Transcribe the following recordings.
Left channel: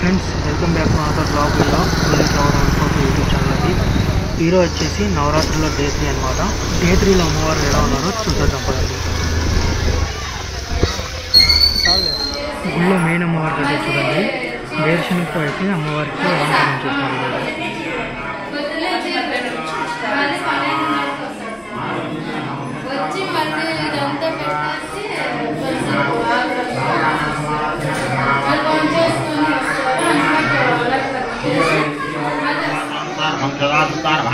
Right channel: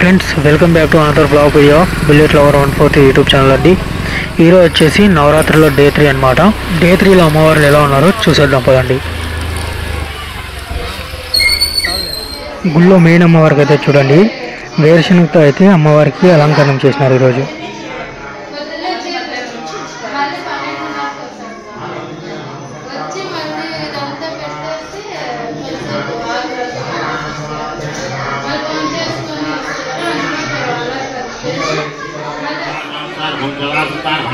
Friends, welcome back to another blog video bullet lover 140 YouTube channel అండి. ఈరోజు వచ్చేసి నవరాత్రిలో day 3 అనమాట. డే 3లో అమ్మవారు ఎలా ఉన్నారో చూసేద్దాం పదండి. గుళ్ళో మెయిన్ అమ్మవారికి అయితే చూడండి, వేరుశనగతో అయితే అమ్మవారికి అలంకరణ చేసినారు ఈరోజు.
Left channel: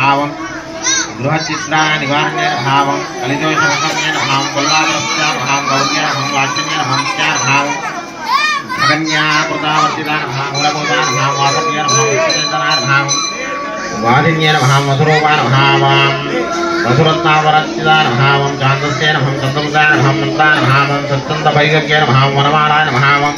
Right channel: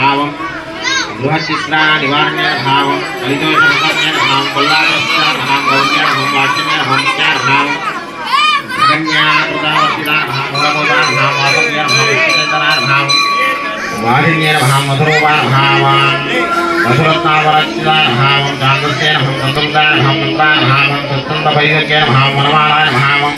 भावं गृहचित्रा निवारण्येन भावं कलिदोषमुखम्येन भावं कोल्लापुरस्यान भावं गौर्येण भावं लाक्ष्म्येन भावं मुख्यान भावं भगन्यान प्रजावर्तिदान भावं मूलभूतान भावं वासव्येन भावं विष्णुचेतनान भावं वालिन्येन भावं मधुरूपान भावं मधुरत्नावरच्चिदान भावं चान्दस्येन भावं चन्द्रदान भावं मन्त्रान भावं सत्सन्दवैगल्येन भावं वनमालायन भावं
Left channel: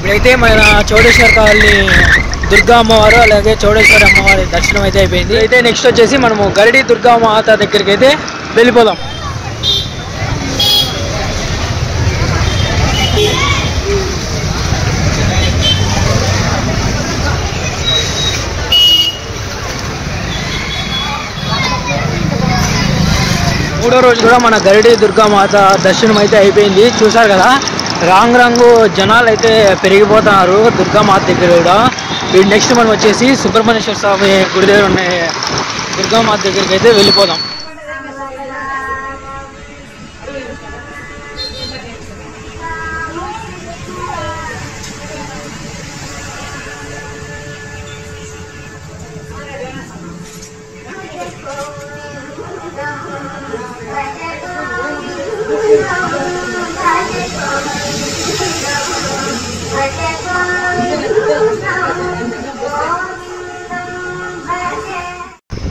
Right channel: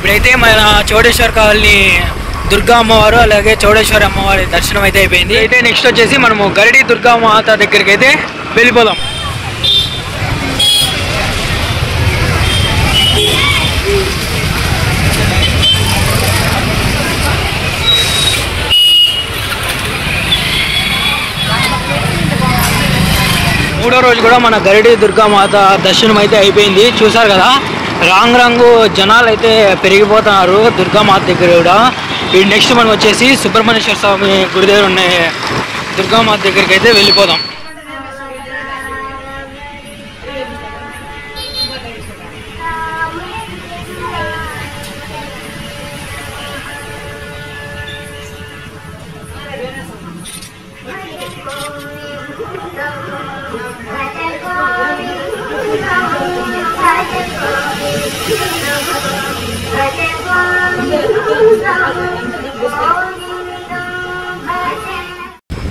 ఇప్పుడైతే మన చౌడేశ్వర్ కాలనీ దుర్గా అమ్మవారు అలాగే చౌడేశ్వరి అమ్మవారి దర్శనం అయితే అయిపోయింది. అయితే నెక్స్ట్ వచ్చేసి మనము గరిడి దుర్గా మాత దగ్గరికి అయితే వెళ్ళిపోదాం. మూడో రోజు కూడా మన గరిడి దుర్గా మాత దర్శనం అయితే అయిపోయింది. చూసారు కదా, రంగు జనాలు అయితే పెరిగిపోతున్నారు దుర్గామాత దగ్గర కూడా. నెక్స్ట్ మనం వచ్చేసి సుబ్రహ్మణ్యేశ్వర స్వామి గుడి దగ్గర ఉన్న దుర్గామాత దగ్గరికి అయితే వెళ్ళిపోదాం.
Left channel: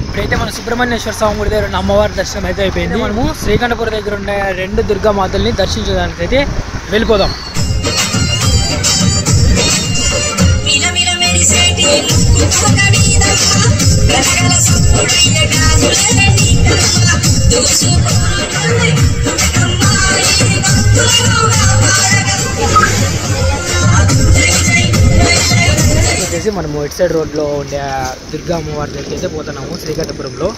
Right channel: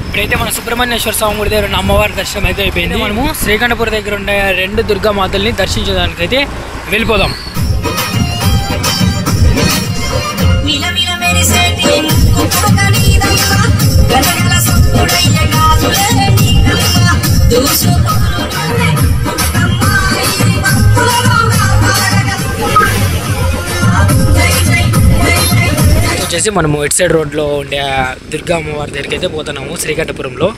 ఇప్పుడైతే మన సుబ్రహ్మణ్యేశ్వర స్వామి గుడి దగ్గర ఉన్న అమ్మవారి దర్శనం అయితే అయిపోయింది. మనము శ్రీకంఠపురం దగ్గర ఉన్న 2 దుర్గా మాతల్ని దర్శించడానికి అయితే వెళ్ళిపోదాం. వచ్చేసి మనము ఇటు సైడ్ రోడ్లో ఉండే దుర్గా అమ్మవారి దగ్గరికి అయితే పోతున్నాము శ్రీకంఠపురంలో.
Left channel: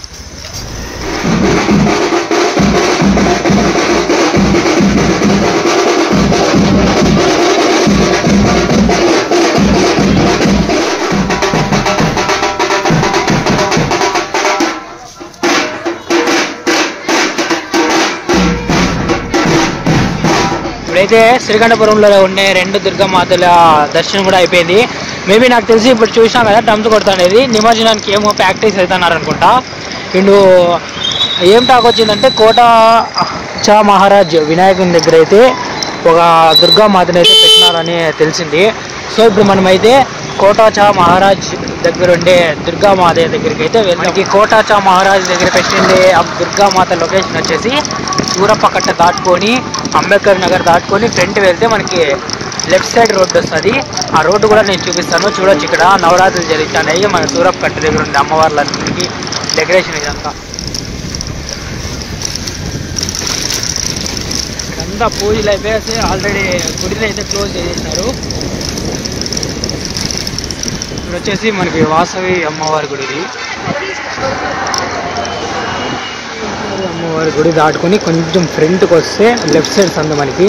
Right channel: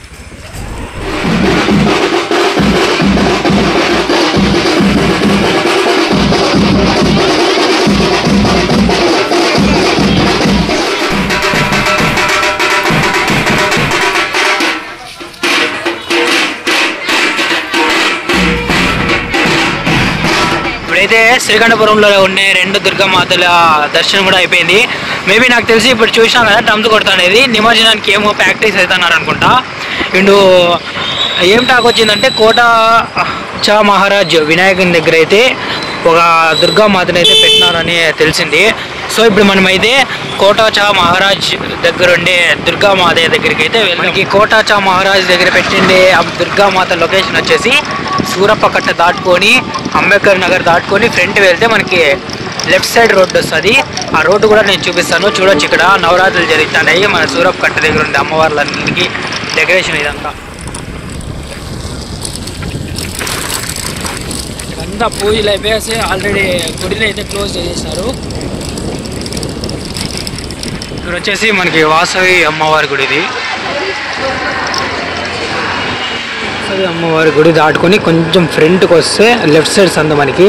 ఇప్పుడైతే శ్రీకంఠపురంలో ఉండే 2 దుర్గామాతల దర్శనం కూడా అయిపోయింది. మేబీ నాకు తెలిసి ఇప్పుడు చూసినాం కదా, డంప్ కొడతానేది నిమజ్జనానికి ఏమో ప్రాక్టీస్ అవుతున్నారు అనుకుంటా. అండ్ ఏం టాక్ వచ్చిందంటే కోట చా మహారాజ్ వినాయకుని దగ్గర అయితే ఒక దుర్గామాతని అయితే పెట్టినారని తెలిసింది. సో ఇప్పుడు మనమైతే కోటాచా మహారాజ్ దగ్గర ఉండే దుర్గామాత దగ్గరికి అయితే మనకి కోటాచా మహారాజ్ దగ్గర పెట్టిండే ఆ దుర్గామాత లొకేషన్ వచ్చేసి సూరప్పకట్ట దాటుకొని అంబేద్కర్ నగర్ దాటుకొని ఫ్రంట్ వెళ్తే మనకి లెఫ్ట్ సైడ్ రోడ్డు వస్తుంది. ఆ రోడ్డు కూడా నేను చూపిస్తాను. చూడొచ్చు, ఇక్కడ నవరాత్రులు జరుగుతున్నాయి. మన సూరప్పకట్ట దగ్గర ఉండే అమ్మవార్లన్నింటికి డెకరేషన్ ఇదంతా. ఇక్కడంతా పూజలు అయిపోయేసి ఆల్రెడీ గుడిని అయితే క్లోజ్ చేసేసినారు. ఇక్కడ వచ్చేసి మనకి వాసవి అమ్మవారి గుడి. ఇది అమ్మవారి గుడి దాటుకొని కొంచెం ఫ్రంట్కి వస్తే లెఫ్ట్ సైడ్ సందు మనకి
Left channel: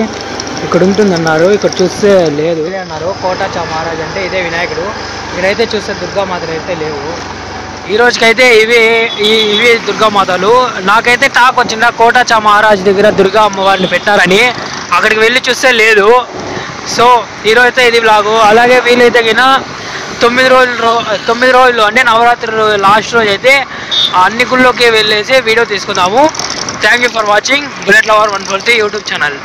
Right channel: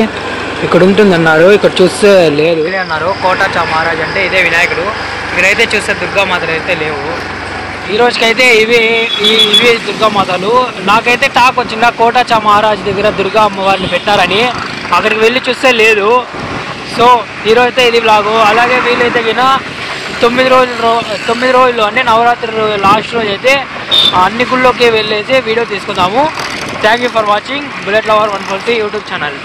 ఇక్కడ ఉంటుంది అన్నారు. ఇక్కడ చూస్తే లేదు అన్నారు. కోటాచా మహారాజ్ అంటే ఇదే వినాయకుడు. ఇక్కడైతే చూస్తే దుర్గామాతలు అయితే లేవు ఈ రోజుకైతే. ఇవి దుర్గామాతలు. నాకైతే టాక్ వచ్చిందా కోటాచా మహారాజ్ దగ్గర దుర్గా అమ్మవారిని పెట్టారని, అక్కడికి వెళ్ళి చూస్తే లేదు. సో ఈరోజు అయితే ఇది వ్లాగు. అలాగే వీలైతే గిన 9 రోజులు అంటే నవరాత్రి లాస్ట్ రోజు అయితే అన్ని గుళ్ళోకి వెళ్ళేసి వీడియో తీసుకుందాము. Thank you for watching bullet lover 143 YouTube channel.